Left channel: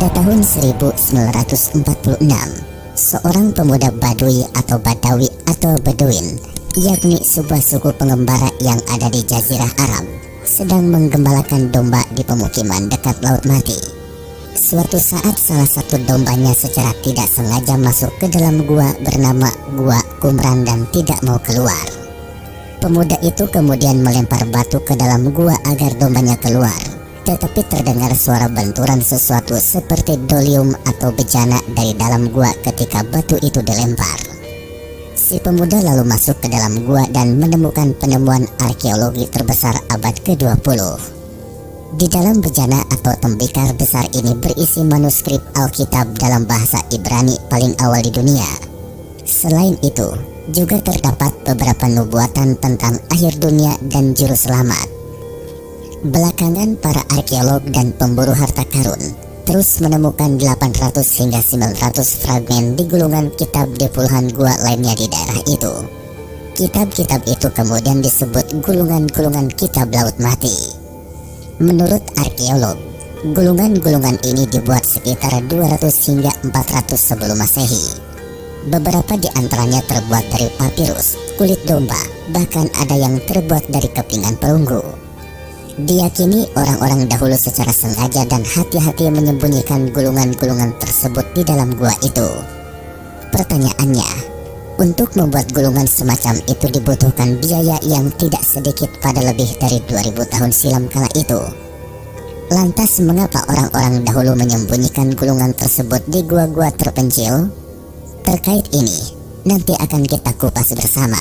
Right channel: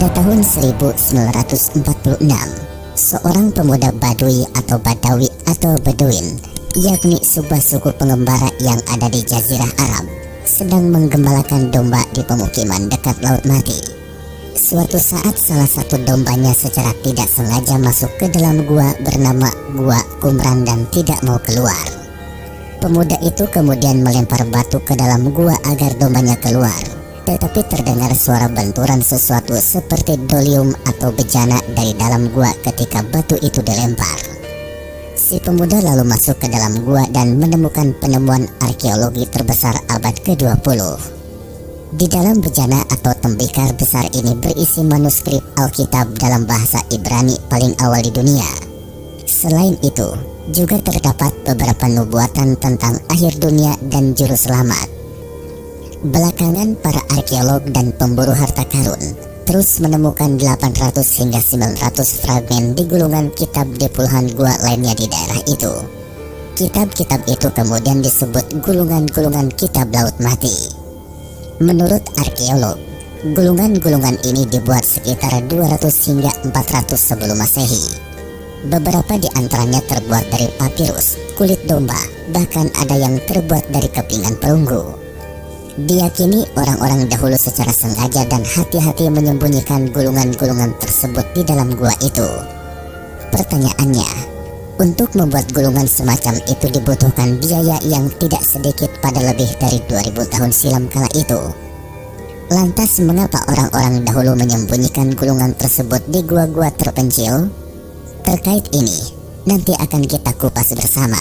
Pada tahun 1946, seorang pemuda Badui atau Badawi atau Baduin, yakni sebuah suku pengembara yang ada di Jazirah Arab, sedang menggembalakan domba di pemukiman dekat Laut Mati. Suatu saat salah satu dombanya secara tidak sengaja masuk ke dalam gua bernama Gua Kumran dan tidak mau keluar. Pemuda itu kemudian melempar batu ke dalam gua agar dombanya keluar. Tetapi terdengar suara benturan sesuatu seperti dolium atau bejana dari dalam gua ketika batu itu dilempar. Si pemuda lalu masuk ke dalam gua dan menemukan penemuan arkeologi terbesar abad ke-20. Di dalam bejana atau tembikar besar ini berisi manuskrip Alkitab dalam bahasa Ibrani paling awal di dunia. Selain itu, juga terdapat beberapa nubuatan tentang akhir dunia dan juru selamat. Belakangan para arkeolog dan pemburu harta karun terus menemukan 800 hingga 900 fragmen di gulungan kitab di puluhan gua lainnya di daerah itu. Kitab-kitab itu kemudian disebut gulungan-gulungan kitab Laut Mati. Menurut arkeolog, gulungan-gulungan ini dibuat sekitar 200 hingga 400 sebelum Masehi. Beberapa di antaranya terbuat dari papirus, kulit domba, bahkan ada yang terbuat dari kepingan perunggu. Diyakini orang-orang dahulu secara sengaja dan hati-hati menyembunyikan gulungan-gulungan tersebut di dalam gua itu. Pertanyaannya, untuk membuat gulungan semacam itu dibutuhkan biaya yang tidak sedikit pada lebih dari 2000 tahun silam kala itu. Lantas mengapa orang-orang dahulu menyembunyikan gulungan tersebut di gua-gua terpencil? Terkait ini, nanti akan kita kupas bersama.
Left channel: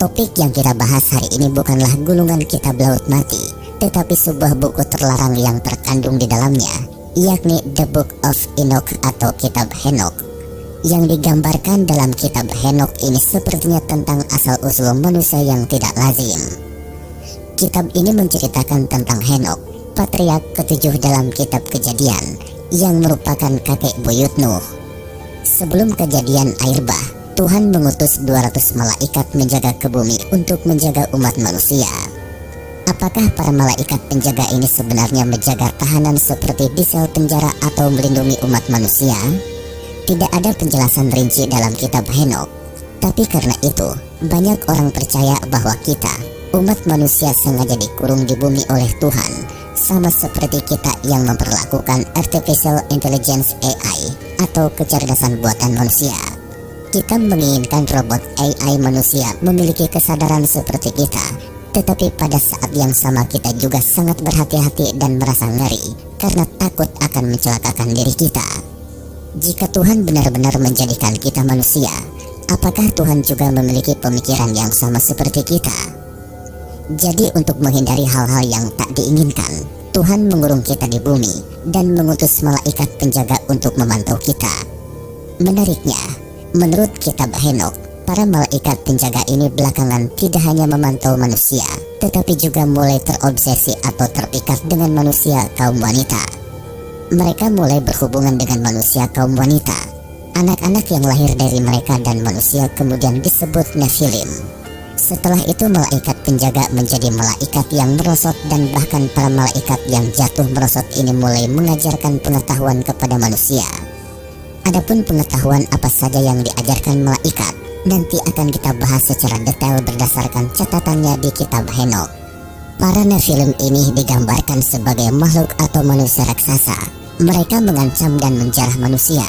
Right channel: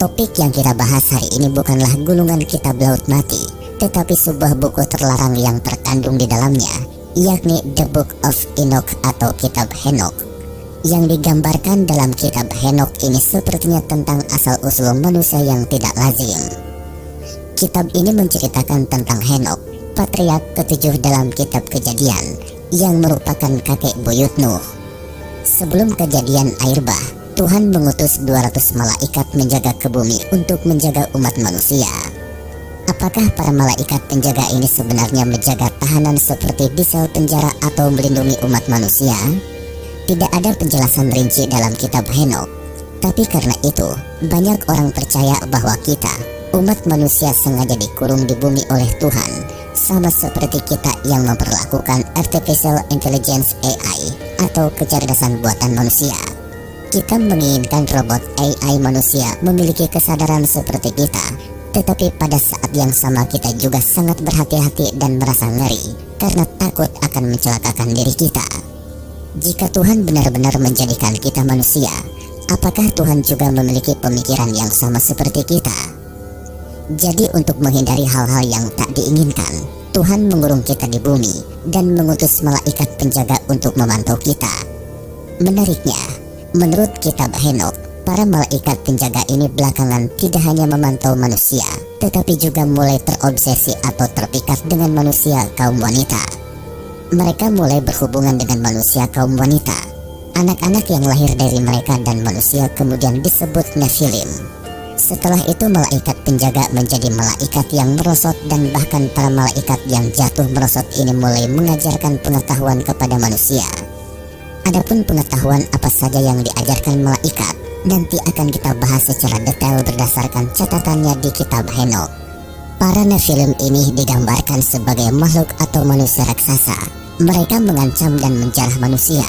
Topik yang kita bahas hari ini bukanlah gulungan kitab Laut Mati, tetapi sebuah buku terlarang yang terkandung di dalamnya, yakni The Book of Enoch atau Kitab Henokh. Yang digambarkan dalam kitab Henokh ini sepertinya tentang asal-usul manusia yang tidak lazim. Kitab ini menceritakan tentang Henokh, patriark ketujuh dalam kitab Kejadian, yang merupakan kakek buyut Nuh. Sebelum kejadian air bah, Tuhan mengutus 200 malaikat menjaga ke bumi untuk menjaga umat manusia. Apakah para malaikat penjaga ini sebenarnya menjaga tahanan seperti di sel penjara atau melindungi umat manusia? Tidak ada penjelasan rinci dalam kitab Henokh. Tapi karena itu, banyak orang percaya bahwa kita, umat manusia, sengaja dikurung di bumi oleh Tuhan, sama seperti kita yang memperlakukan Artificial Intelligence AI atau kecerdasan buatan manusia. Kita menginginkan robot AI manusia memiliki kesadaran seperti kita, tetapi pada saat yang sama kita juga sangat berhati-hati dan merasa ngeri karena takut akan mencelakakan diri kita. Jika Tuhan benar-benar menjadikan kita manusia, apakah Tuhan juga memiliki pemikiran yang sama seperti kita? Jadi untuk menghindari hal-hal yang tak diinginkan, Tuhan mengurung kita di bumi dan mengutus malaikat penjaga untuk memantau kita. Menariknya, menurut kitab Henokh, para malaikat penjaga ini belakangan tidak hanya memantau manusia, tetapi juga mulai terobsesi atau terpikat dengan manusia kaum wanita. Mereka mulai berhubungan dengan manusia kaum wanita. Anak-anak yang lahir dari mereka dan manusia kemudian disebut Nephilim. Setelah itu malaikat penjaga menjadi malaikat yang merosot dan bahkan para malaikat yang jatuh merosot ini mulai mengajarkan pengetahuan kepada manusia. Adapun pengetahuan apa saja yang diajarkan malaikat nanti akan kita bahas secara detail berdasarkan catatannya di kitab Henokh. Para Nephilim ini digambarkan sebagai makhluk atau manusia raksasa. Mereka mengancam dan menjarah manusia.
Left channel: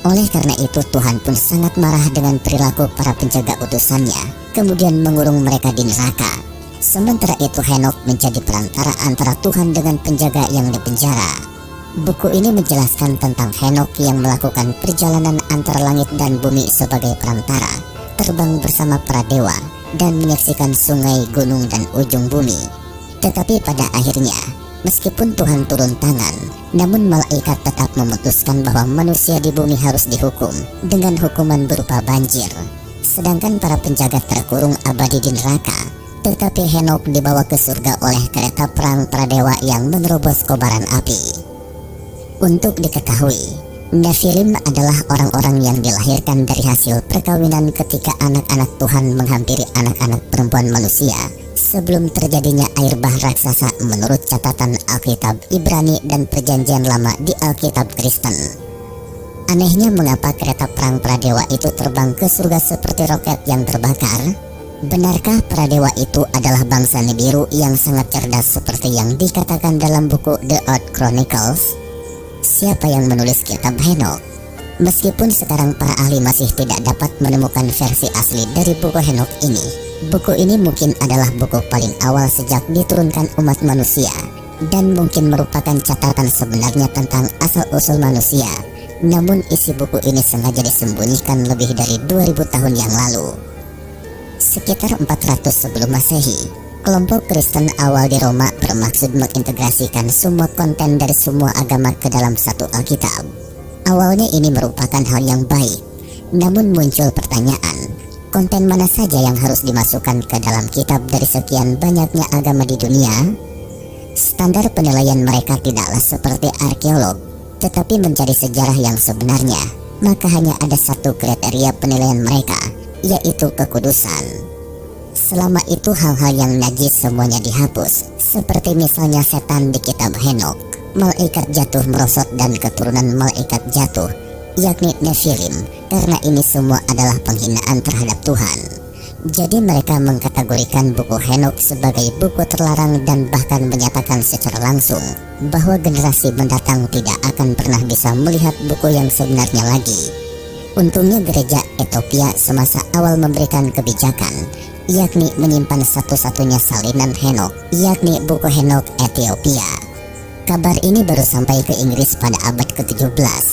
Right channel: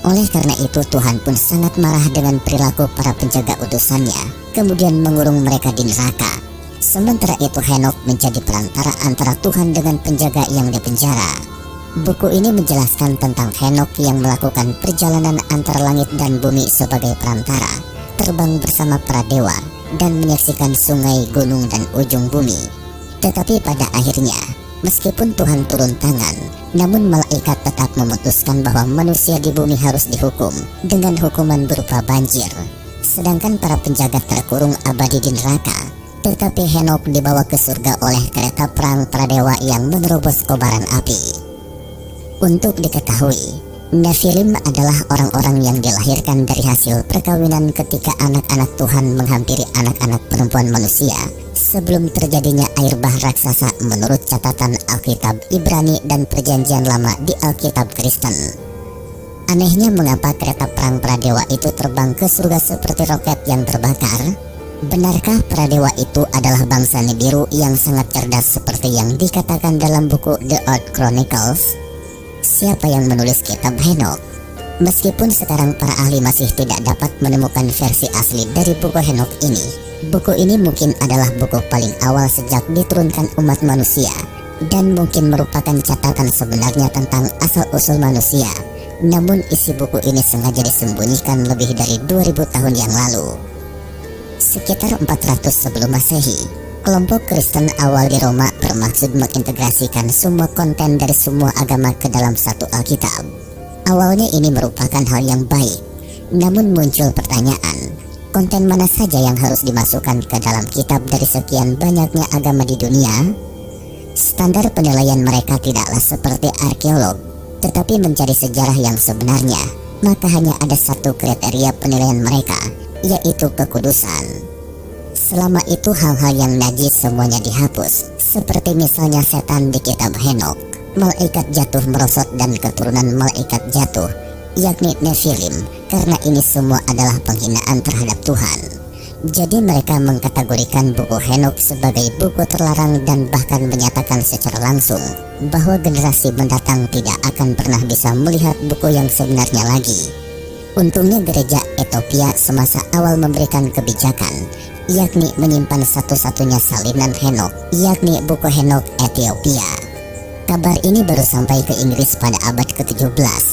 Oleh karena itu Tuhan pun sangat marah dengan perilaku para penjaga utusannya, kemudian mengurung mereka di neraka. Sementara itu Henokh menjadi perantara antara Tuhan dengan penjaga yang dipenjara. Buku ini menjelaskan tentang Henokh yang melakukan perjalanan antar langit dan bumi sebagai perantara, terbang bersama para dewa, dan menyaksikan sungai, gunung, dan ujung bumi. Tetapi pada akhirnya, meskipun Tuhan turun tangan, namun malaikat tetap memutuskan bahwa manusia di bumi harus dihukum dengan hukuman berupa banjir. Sedangkan para penjaga terkurung abadi di neraka, tetapi Henokh dibawa ke surga oleh kereta perang para dewa yang menerobos kobaran api. Untuk diketahui, Nephilim adalah orang-orang yang dilahirkan dari hasil perkawinan ketika anak-anak Tuhan menghampiri anak-anak perempuan manusia sebelum terjadinya air bah raksasa menurut catatan Alkitab Ibrani dan Perjanjian Lama di Alkitab Kristen. Anehnya mengapa kereta perang pradewa itu terbang ke surga seperti roket yang terbakar? Benarkah pradewa itu adalah bangsa Nibiru yang sangat cerdas seperti yang dikatakan dalam buku The Old Chronicles? Siapa yang menulis kitab Henok? Meskipun sekarang para ahli masih tidak dapat menemukan versi asli dari buku Henok ini, buku ini mungkin adalah buku paling awal sejak diturunkan umat manusia, dan mungkin merupakan catatan sebenarnya tentang asal-usul manusia. Namun isi buku ini sengaja disembunyikan lebih dari 2000 tahun yang lalu. Sekitar 400 sebelum Masehi, kelompok Kristen awal di Roma bermaksud mengintegrasikan semua konten dari semua agama ke dalam satu Alkitab. Awalnya ini merupakan hal yang baik, namun muncul pertanyaan, konten mana saja yang harus dimasukkan ke dalam kitab dari sekian banyaknya agama di dunia? Standar penilaian mereka tidaklah seperti arkeolog, tetapi mencari sejarah yang sebenarnya. Maka hanya ada satu kriteria penilaian mereka, yaitu kekudusan. Selama itu hal-hal yang najis semuanya dihapus, seperti misalnya setan di kitab Henok, malaikat jatuh merosot dan keturunan malaikat jatuh, yakni Nephilim, karena ini semua adalah penghinaan terhadap Tuhan. Jadi mereka mengkategorikan buku Henok sebagai buku terlarang dan bahkan menyatakan secara langsung bahwa generasi mendatang tidak akan pernah bisa melihat buku yang sebenarnya lagi. Untungnya gereja Ethiopia semasa awal memberikan kebijakan, yakni menyimpan satu-satunya salinan Henok, yakni buku Henok Ethiopia. Kabar ini baru sampai ke Inggris pada abad ke-17.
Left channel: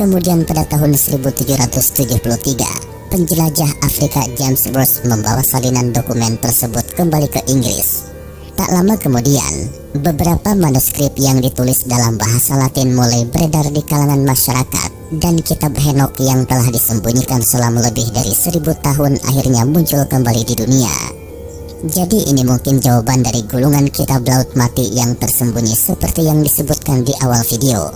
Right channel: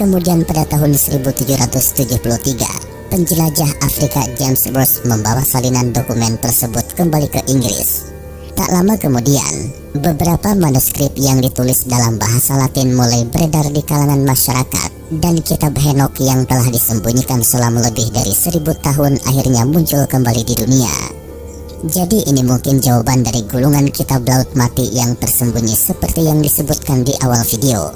Kemudian pada tahun 1373, penjelajah Afrika James Ross membawa salinan dokumen tersebut kembali ke Inggris. Tak lama kemudian, beberapa manuskrip yang ditulis dalam bahasa Latin mulai beredar di kalangan masyarakat, dan kitab Henok yang telah disembunyikan selama lebih dari 1000 tahun akhirnya muncul kembali di dunia. Jadi ini mungkin jawaban dari gulungan kitab Laut Mati yang tersembunyi seperti yang disebutkan di awal video.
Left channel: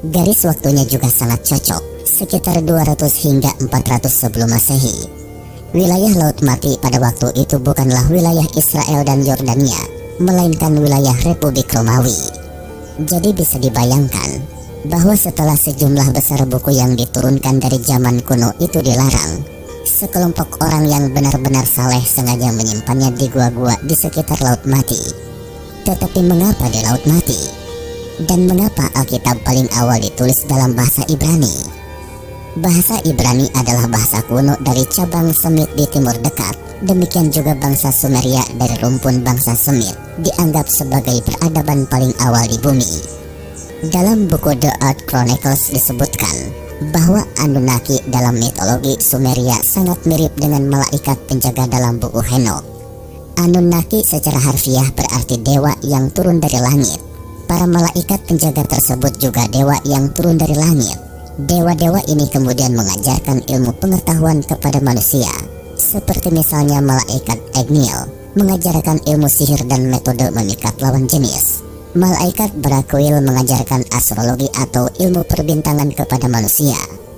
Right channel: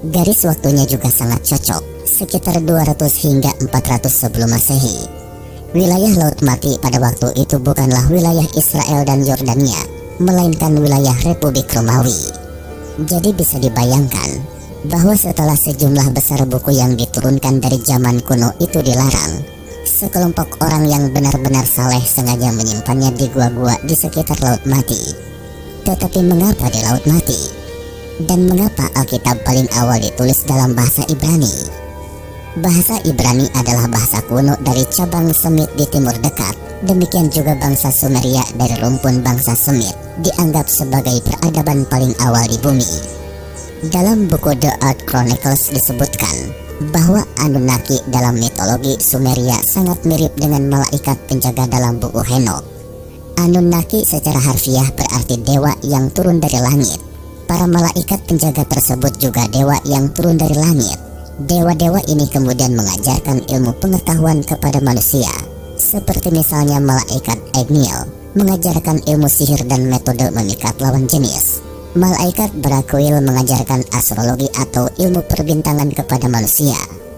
Garis waktunya juga sangat cocok, sekitar 200 hingga 400 sebelum Masehi. Wilayah Laut Mati pada waktu itu bukanlah wilayah Israel dan Yordania, melainkan wilayah Republik Romawi. Jadi bisa dibayangkan bahwa setelah sejumlah besar buku yang diturunkan dari zaman kuno itu dilarang, sekelompok orang yang benar-benar saleh sengaja menyimpannya di gua-gua di sekitar Laut Mati. Tetapi mengapa di Laut Mati? Dan mengapa Alkitab paling awal ditulis dalam bahasa Ibrani? Bahasa Ibrani adalah bahasa kuno dari cabang Semit di Timur Dekat. Demikian juga bangsa Sumeria dari rumpun bangsa Semit dianggap sebagai peradaban paling awal di bumi. Dalam buku The Old Chronicles disebutkan bahwa Anunnaki dalam mitologi Sumeria sangat mirip dengan malaikat penjaga dalam buku Henok. Anunnaki secara harfiah berarti dewa yang turun dari langit. Para malaikat penjaga tersebut juga dewa yang turun dari langit. Dewa-dewa ini kemudian mengajarkan ilmu pengetahuan kepada manusia, seperti misalnya malaikat Egniel mengajarkan ilmu sihir dan metode memikat lawan jenis. Malaikat Brakuil mengajarkan astrologi atau ilmu perbintangan kepada manusia.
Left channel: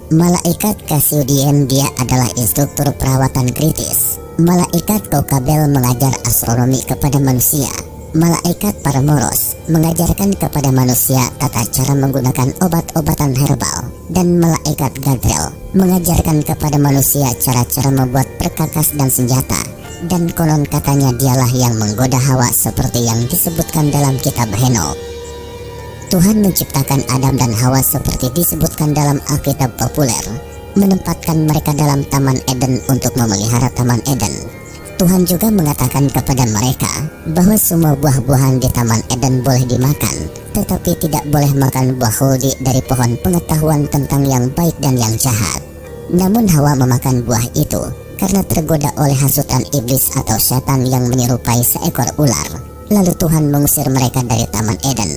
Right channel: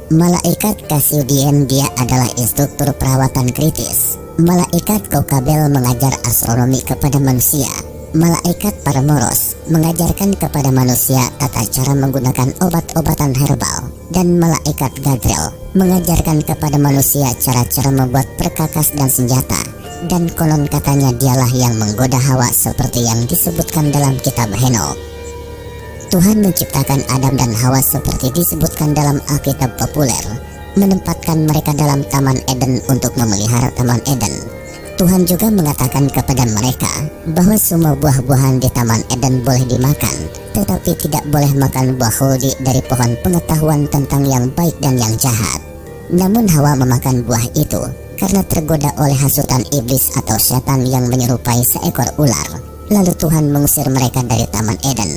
Malaikat Kasudien dia adalah instruktur perawatan kritis. Malaikat Kokabel mengajar astronomi kepada manusia. Malaikat Paramoros mengajarkan kepada manusia tata cara menggunakan obat-obatan herbal. Dan malaikat Gabriel mengajarkan kepada manusia cara-cara membuat perkakas dan senjata. Dan konon katanya dialah yang menggoda Hawa seperti yang disebutkan dalam kitab Henok. Tuhan menciptakan Adam dan Hawa seperti disebutkan dalam Alkitab populer, menempatkan mereka dalam Taman Eden untuk memelihara Taman Eden. Tuhan juga mengatakan kepada mereka bahwa semua buah-buahan di Taman Eden boleh dimakan, tetapi tidak boleh makan buah holdi dari pohon pengetahuan tentang yang baik dan yang jahat. Namun Hawa memakan buah itu karena tergoda oleh hasutan iblis atau setan yang menyerupai seekor ular. Lalu Tuhan mengusir mereka dari Taman Eden.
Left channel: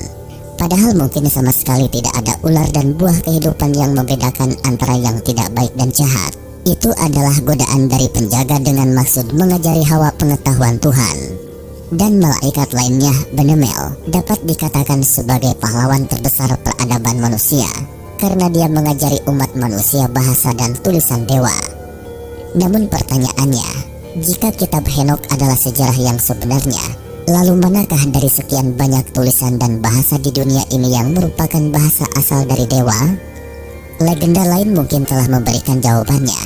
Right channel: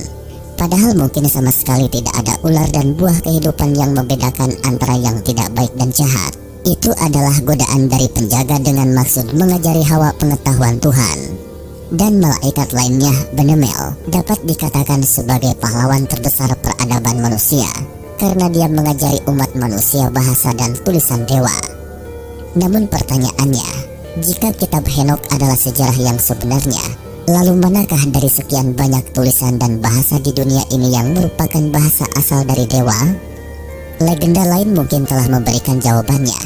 Padahal mungkin sama sekali tidak ada ular dan buah kehidupan yang membedakan antara yang tidak baik dan jahat. Itu adalah godaan dari penjaga dengan maksud mengajari Hawa pengetahuan Tuhan. Dan malaikat lainnya, Benemel, dapat dikatakan sebagai pahlawan terbesar peradaban manusia, karena dia mengajari umat manusia bahasa dan tulisan dewa. Namun pertanyaannya, Jika kitab Henokh adalah sejarah yang sebenarnya, lalu manakah dari sekian banyak tulisan dan bahasa di dunia ini yang merupakan bahasa asal dari dewa? Legenda lain mungkin telah memberikan jawabannya.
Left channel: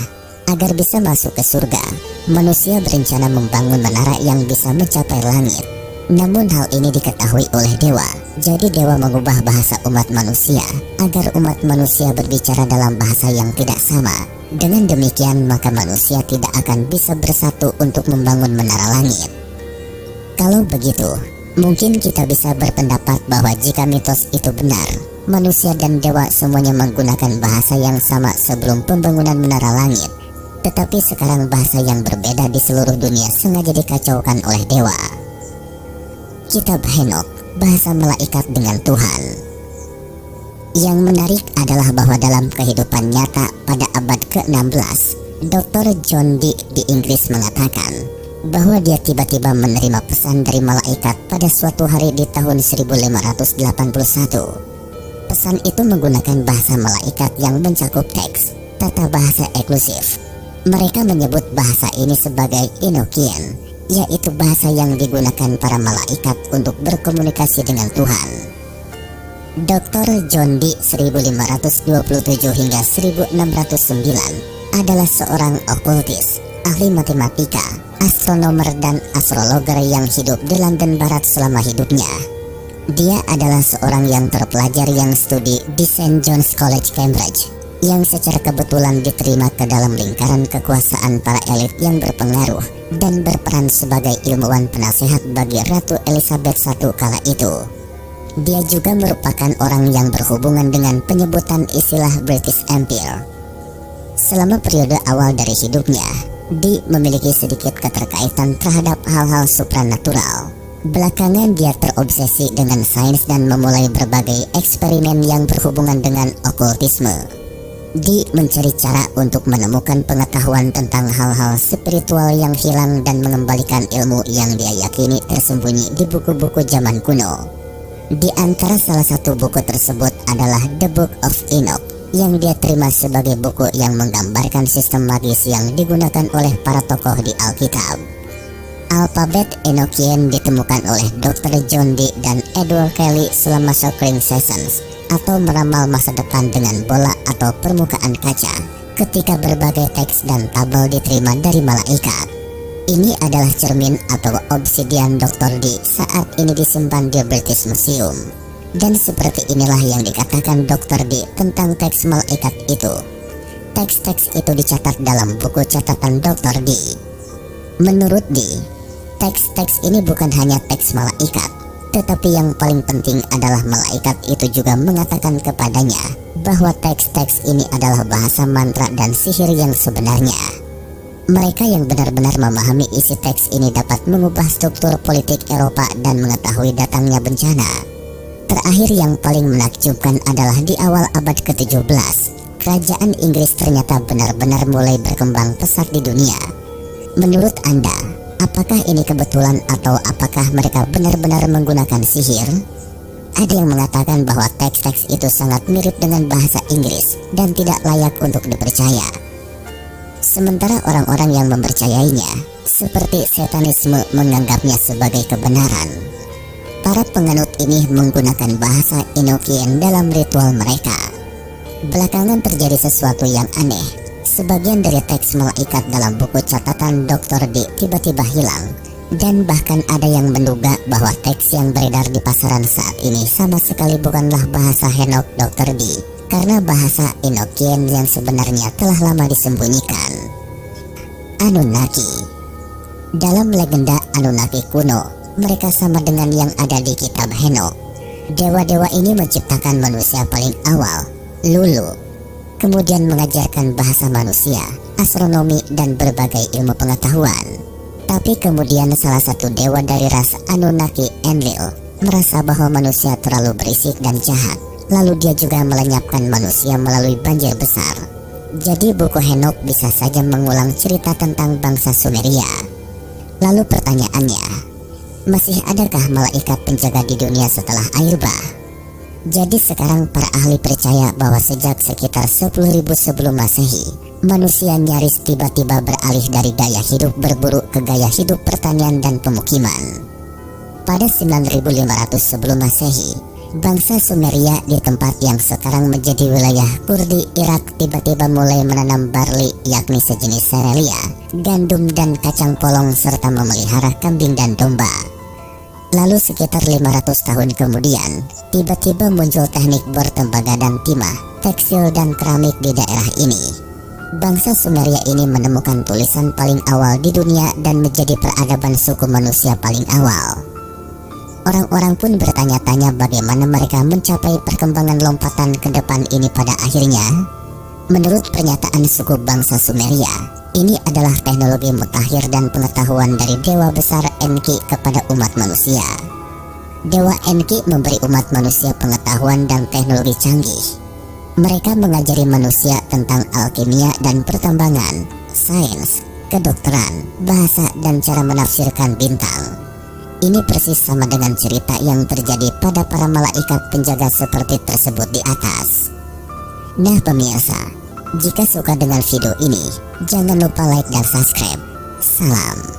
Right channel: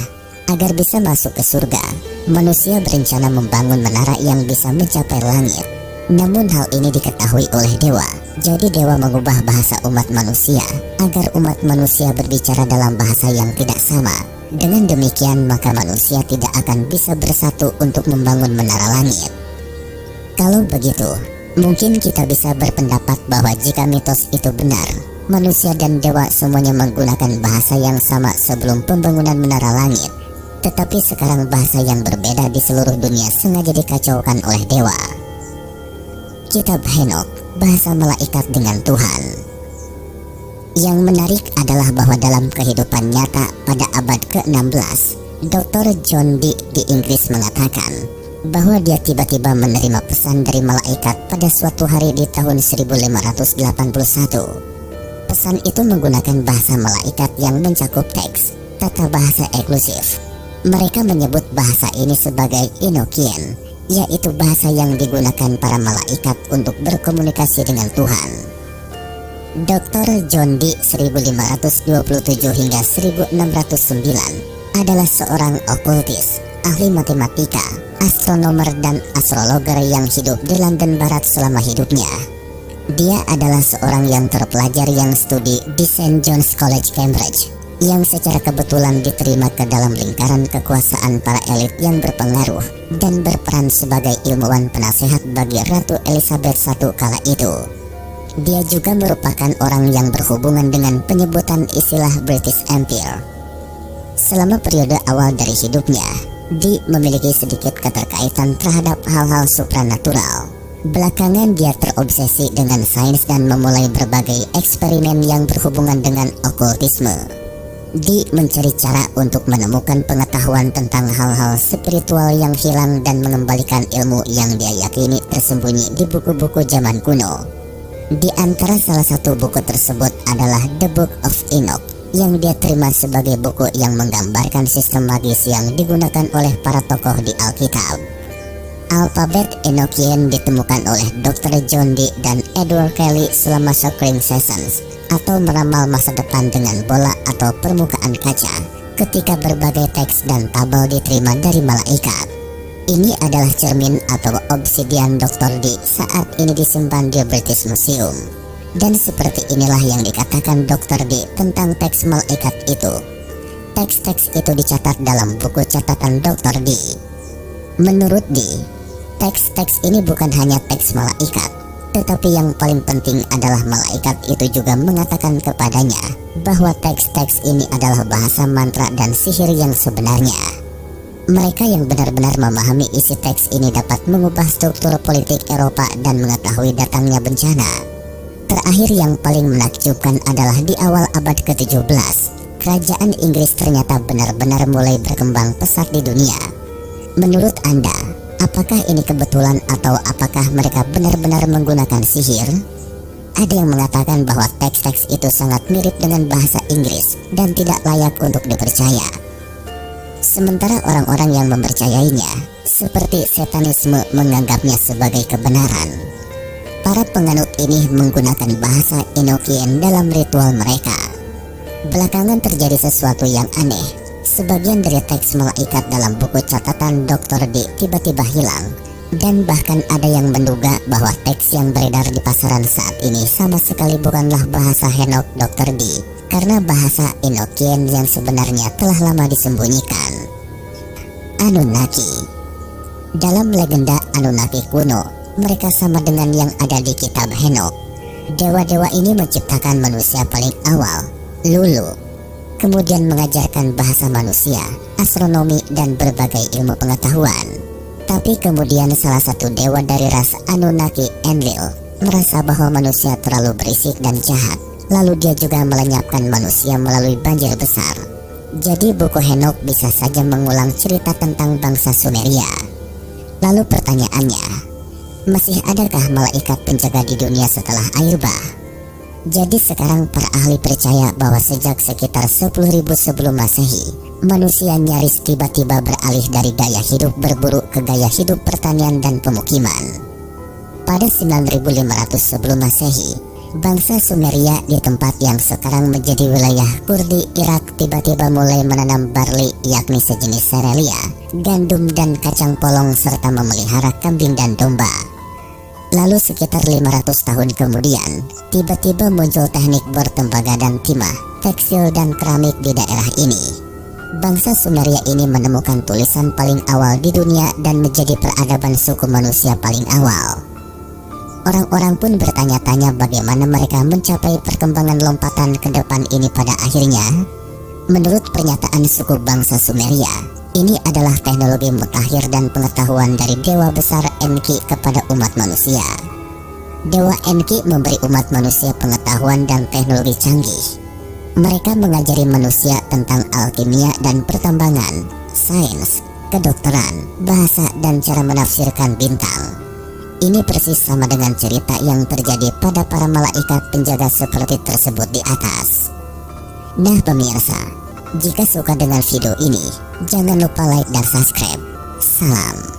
Agar bisa masuk ke surga, manusia berencana membangun menara yang bisa mencapai langit. Namun hal ini diketahui oleh dewa, jadi dewa mengubah bahasa umat manusia agar umat manusia berbicara dalam bahasa yang tidak sama. Dengan demikian maka manusia tidak akan bisa bersatu untuk membangun menara langit. Kalau begitu, mungkin kita bisa berpendapat bahwa jika mitos itu benar, manusia dan dewa semuanya menggunakan bahasa yang sama sebelum pembangunan menara langit. Tetapi sekarang bahasa yang berbeda di seluruh dunia sengaja dikacaukan oleh dewa. Kitab Henokh, bahasa malaikat dengan Tuhan. Yang menarik adalah bahwa dalam kehidupan nyata pada abad ke-16, Dr. John Dee di Inggris mengatakan bahwa dia tiba-tiba menerima pesan dari malaikat pada suatu hari di tahun 1581. Pesan itu menggunakan bahasa malaikat yang mencakup teks, tata bahasa eksklusif. Mereka menyebut bahasa ini sebagai Enochian, yaitu bahasa yang digunakan para malaikat untuk berkomunikasi dengan Tuhan. Dr. John Dee 1527 hingga 1609 adalah seorang okultis, ahli matematika, astronomer dan astrologer yang hidup di London Barat selama hidupnya. Dia adalah seorang yang terpelajar yang studi di St. John's College, Cambridge, yang secara kebetulan diterima ke dalam lingkaran kekuasaan para elit yang berpengaruh dan berperan sebagai ilmuwan penasehat bagi Ratu Elizabeth I kala itu. Dia juga merupakan orang yang berhubungan dengan penyebutan istilah British Empire. Selama periode awal dari hidupnya, Dee memiliki sedikit keterkaitan terhadap hal-hal supranatural. Belakangan dia terobsesi dengan sains dan memulai berbagai eksperimen yang berhubungan dengan okultisme. Dee mencari cara untuk menemukan pengetahuan tentang hal-hal spiritual yang hilang dan mengembalikan ilmu yang dia yakini tersembunyi di buku-buku zaman kuno. Di antara salah satu buku tersebut adalah The Book of Enoch, yang dia terima sebagai buku yang menggambarkan sistem magis yang digunakan oleh para tokoh di Alkitab. Alfabet Enochian ditemukan oleh Dr. John Dee dan Edward Kelly selama Socrates Sessions, atau meramal masa depan dengan bola atau permukaan kaca, ketika berbagai teks dan tabel diterima dari malaikat. Ini adalah cermin atau obsidian Dr. Dee saat ini disimpan di British Museum. Dan seperti inilah yang dikatakan Dr. Dee tentang teks malaikat itu. Teks-teks itu dicatat dalam buku catatan Dr. Dee. Menurut Dee, teks-teks ini bukan hanya teks malaikat, tetapi yang paling penting adalah malaikat itu juga mengatakan kepadanya bahwa teks-teks ini adalah bahasa mantra dan sihir yang sebenarnya. Mereka yang benar-benar memahami isi teks ini dapat mengubah struktur politik Eropa dan mengetahui datangnya bencana. Terakhir yang paling menakjubkan adalah di awal abad ke-17, kerajaan Inggris ternyata benar-benar mulai berkembang pesat di dunia. Menurut Anda, apakah ini kebetulan atau apakah mereka benar-benar menggunakan sihir? Ada yang mengatakan bahwa teks-teks itu sangat mirip dengan bahasa Inggris dan tidak layak untuk dipercaya. Sementara orang-orang yang mempercayainya, seperti satanisme, menganggapnya sebagai kebenaran. Para penganut ini menggunakan bahasa Enochian dalam ritual mereka. Belakangan terjadi sesuatu yang aneh. Sebagian dari teks malaikat dalam buku catatan Dr. Dee tiba-tiba hilang. Dan bahkan ada yang menduga bahwa teks yang beredar di pasaran saat ini sama sekali bukanlah bahasa Henokh Dr. Dee, karena bahasa Enochian yang sebenarnya telah lama disembunyikan. Anunnaki. Dalam legenda Anunnaki kuno, mereka sama dengan yang ada di kitab Henokh. Dewa-dewa ini menciptakan manusia paling awal, Lulu, kemudian mengajarkan bahasa manusia, astronomi, dan berbagai ilmu pengetahuan. Tapi kemudian salah satu dewa dari ras Anunnaki, Enlil, merasa bahwa manusia terlalu berisik dan jahat. Lalu dia juga melenyapkan manusia melalui banjir besar. Jadi buku Henokh bisa saja mengulang cerita tentang bangsa Sumeria. Lalu pertanyaannya, masih adakah malaikat penjaga di dunia setelah air bah? Jadi sekarang para ahli percaya bahwa sejak sekitar 10.000 sebelum Masehi, manusia nyaris tiba-tiba beralih dari gaya hidup berburu ke gaya hidup pertanian dan pemukiman. Pada 9.500 sebelum Masehi, bangsa Sumeria di tempat yang sekarang menjadi wilayah Kurdi, Irak tiba-tiba mulai menanam barley yakni sejenis serelia, gandum dan kacang polong serta memelihara kambing dan domba. Lalu sekitar 500 tahun kemudian, tiba-tiba muncul teknik bertembaga dan timah, tekstil dan keramik di daerah ini. Bangsa Sumeria ini menemukan tulisan paling awal di dunia dan menjadi peradaban suku manusia paling awal. Orang-orang pun bertanya-tanya bagaimana mereka mencapai perkembangan lompatan ke depan ini pada akhirnya. Menurut pernyataan suku bangsa Sumeria, ini adalah teknologi mutakhir dan pengetahuan dari Dewa Besar Enki kepada umat manusia. Dewa Enki memberi umat manusia pengetahuan dan teknologi canggih. Mereka mengajari manusia tentang alkimia dan pertambangan, sains, kedokteran, bahasa, dan cara menafsirkan bintang. Ini persis sama dengan cerita yang terjadi pada para malaikat penjaga seperti tersebut di atas. Nah pemirsa, jika suka dengan video ini, jangan lupa like dan subscribe. Salam.